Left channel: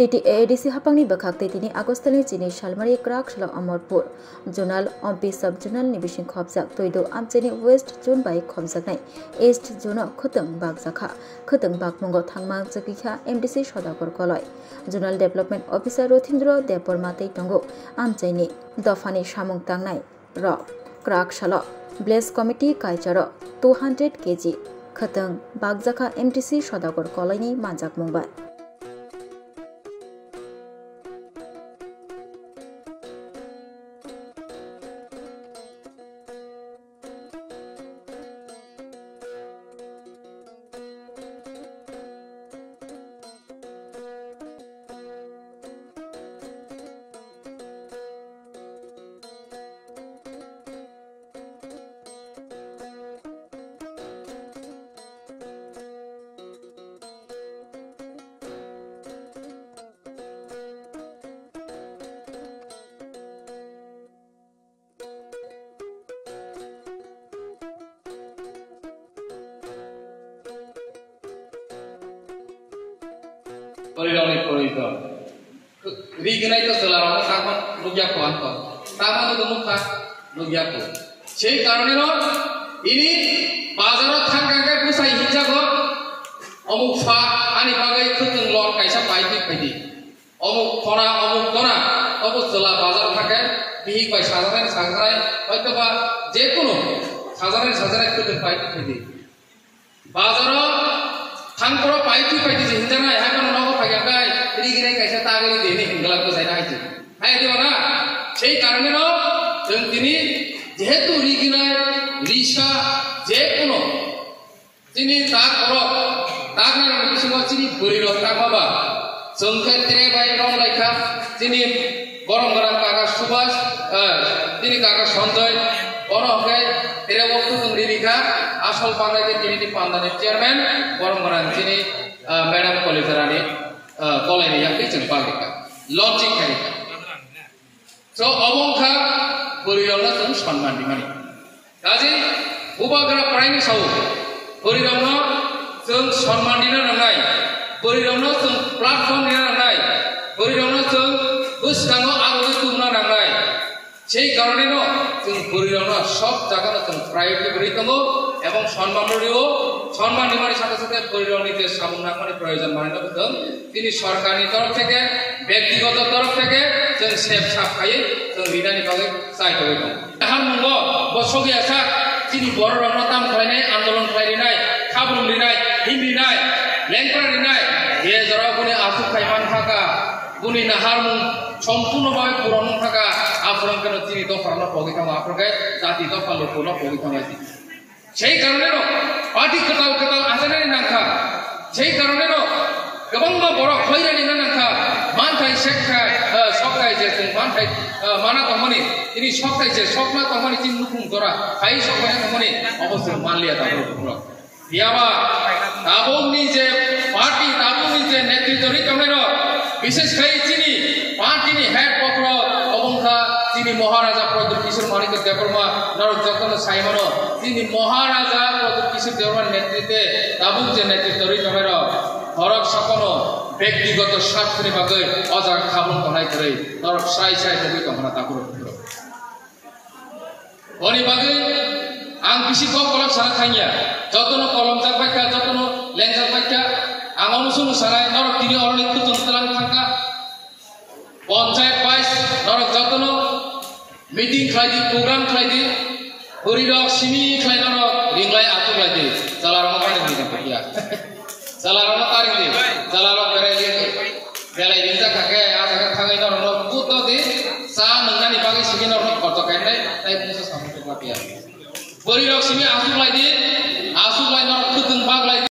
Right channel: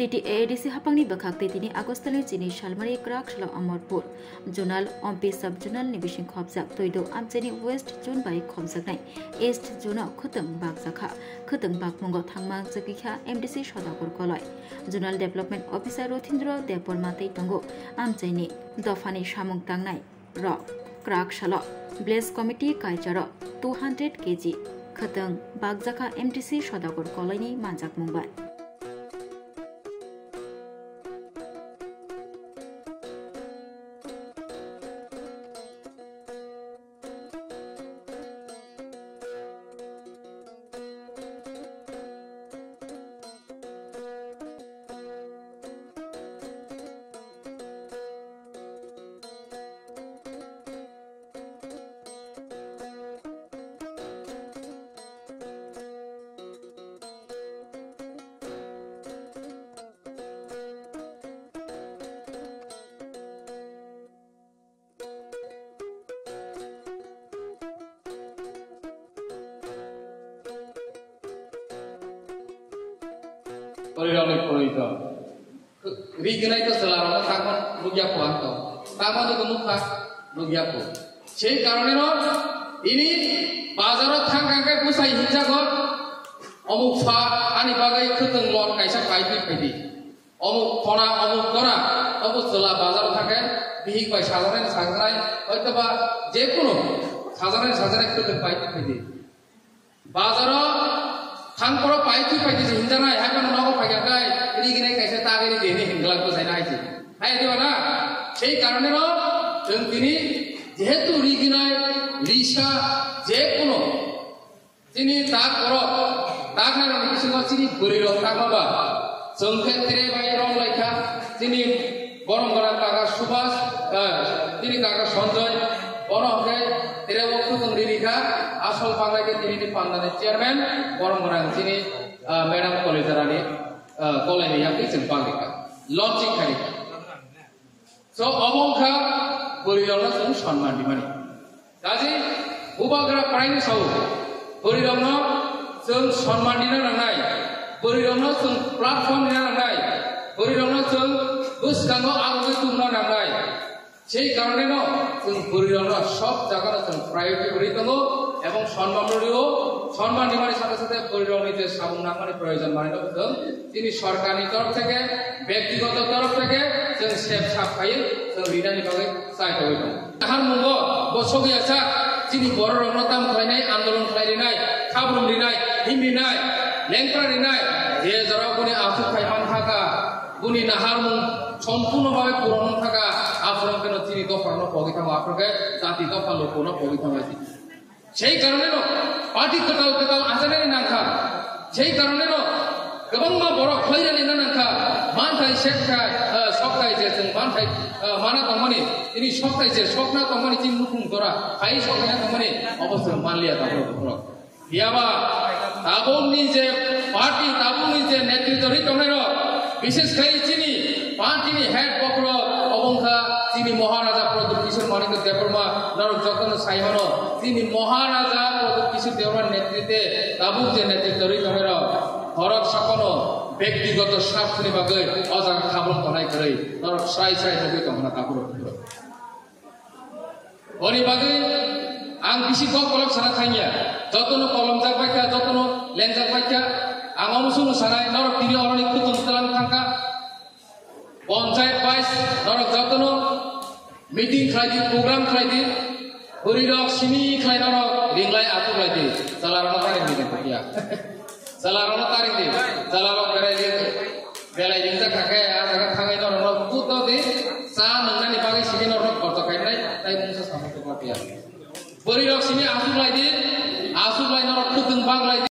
Titi ADC hapangni bakak titi ni Agostani chini Shalmari Krak Shalo Amorpur Zonal Ompi Subjonal ni bising khobjak toido amcheni West Zone bai khomjaknai East Zone khotong bakjakha khotong bakmongo thangma jakikha MDC Sodakor koloi Zonal Development Officer Rothindro Deporma tei tongo amcheni dofani samung tangnai ro Krak Shalo Blaze Committee Kaicharo 200 kg khotong bakjakha MDC Sodakor koloi ni manjak mongbai Riginai itu selalu takon rupiah kuanto, takon itu muka rupiah ku. Jadi karena ini bazar thangkangkai pusai hijau kok, omuk fa, ani bagai keteng lor kaisa pahit pahit. Omuk kona, omuk selah bazar thangkai bihik bai sazaran, itu bah jekuno sazaran keteng pahit pahit. Bazar thangkoro pahit hijau na, ya kan nogo pakai Riginai kaisa tagari deni hinggalan ko saya itu. Hai itu mana? Jadi karena itu, ini jehetu Riginai, Risha, jekuno, ini tak kalau semua sini beri roh apa? Sengket tere bayi rom leka, ini gorong-gorong kakak subas, ini kakak sontoy, orang ke tere waktu tungdirika, asal panggil ini di pandangan chairman, gorong-gorong sini Madam Kolizarani. Koloni yang kecil bangkitkan, launching kali. So omongkha berirono tuh sanman di mana? Jadi ubahkara paling sahu, berirono tuh sanman di mana ngai, berirono tuh platform di mana ngai, berirono tuh bus kango aru itu mana ngai. Jadi karena tuh berirono shop jaga tuh private berirono, এবং সম্মাননীয় সম্মান নিমানের সাথে সাথে পরিণতিতে সামনামানি প্রয়োজন মানে তো তিনি সরকারি তরফ থেকে ব্যক্তিগত তরফ থেকে जों সেফ সাফাই जों লিডানি ভাবে চাইতে হইব তাহার মুঙ্গ বসগি আছে তিনি বড় রণতাম খাইনাই আন্দোলন খাইনাই খাবরুম লিনাই হিমরিনাই লেংপ্রা লিনাই এ জরাগুনি আফু খাইমান থাকা গুনি নাহার মুং সম্পূর্ণভাবে পূরণ থাকা আপনার কেন তিনি দফারনা পগিতাম আপনাকে জাতি দফা লোকনা পগিতাম সেই কারণে পার্টি কেতাও আজানের নাঙ্কা সেই কারণে গোবাं বড় খৈরানি নাঙ্কা মানথাই শেখায় সকাই যে মানথাই মানা কমানি তিনি সকাই যে স্বপ্না কমানি তিনি নুকুম করা হাই সকাই কমানি অবশ্যই মানলিয়া তারপর ইয়াবা তাবংনি যে পার্টি তাবংনি যে নেতৃত্বরি কমের বিশেষ করে তিনি পার্টিনি হেড পক্র অবংখা তিনি মহারাজা প্রদীপ কিশোর মানিক দেববর্মা নর যখন সাইমন তিনি মহারাজা প্রদীপ কিশোর দেববর্মার নেতৃত্বে তাবুক যে নেতৃত্ব রইতমের হরক সকল ব্যক্তিগত স্বার্থের বাগে অজান খাবন বনাই করে নরক সাই নবী কমনা তাকুর অনি বাগে আং বিশি কলম সারা থাইয়া যতন কলম জাপাইকা যতন লেংজা পাইকা আং অনুসুন সারায় নরক তিনি অনেক কুতন্তলান থাকা পঞ্চায়েত বাইশ নরক যতন মিটিং খাইদি প্রোগ্রাম খাইদি হরিরক সিমি খাই নরক রিংলাই আতু খাইদি জালারম কানে দিতে পাকিয়া জালারম তারি দি জালারম বেলাই রিংজা কাকে আজাga খাগাই নরক কুতো দি সা নংনানি বাগै সিমি নরক কত কাইনাই তাই মুসা সামতে পাকিয়া হরিরক সিমি আতু খাইদি আসু খাই নরক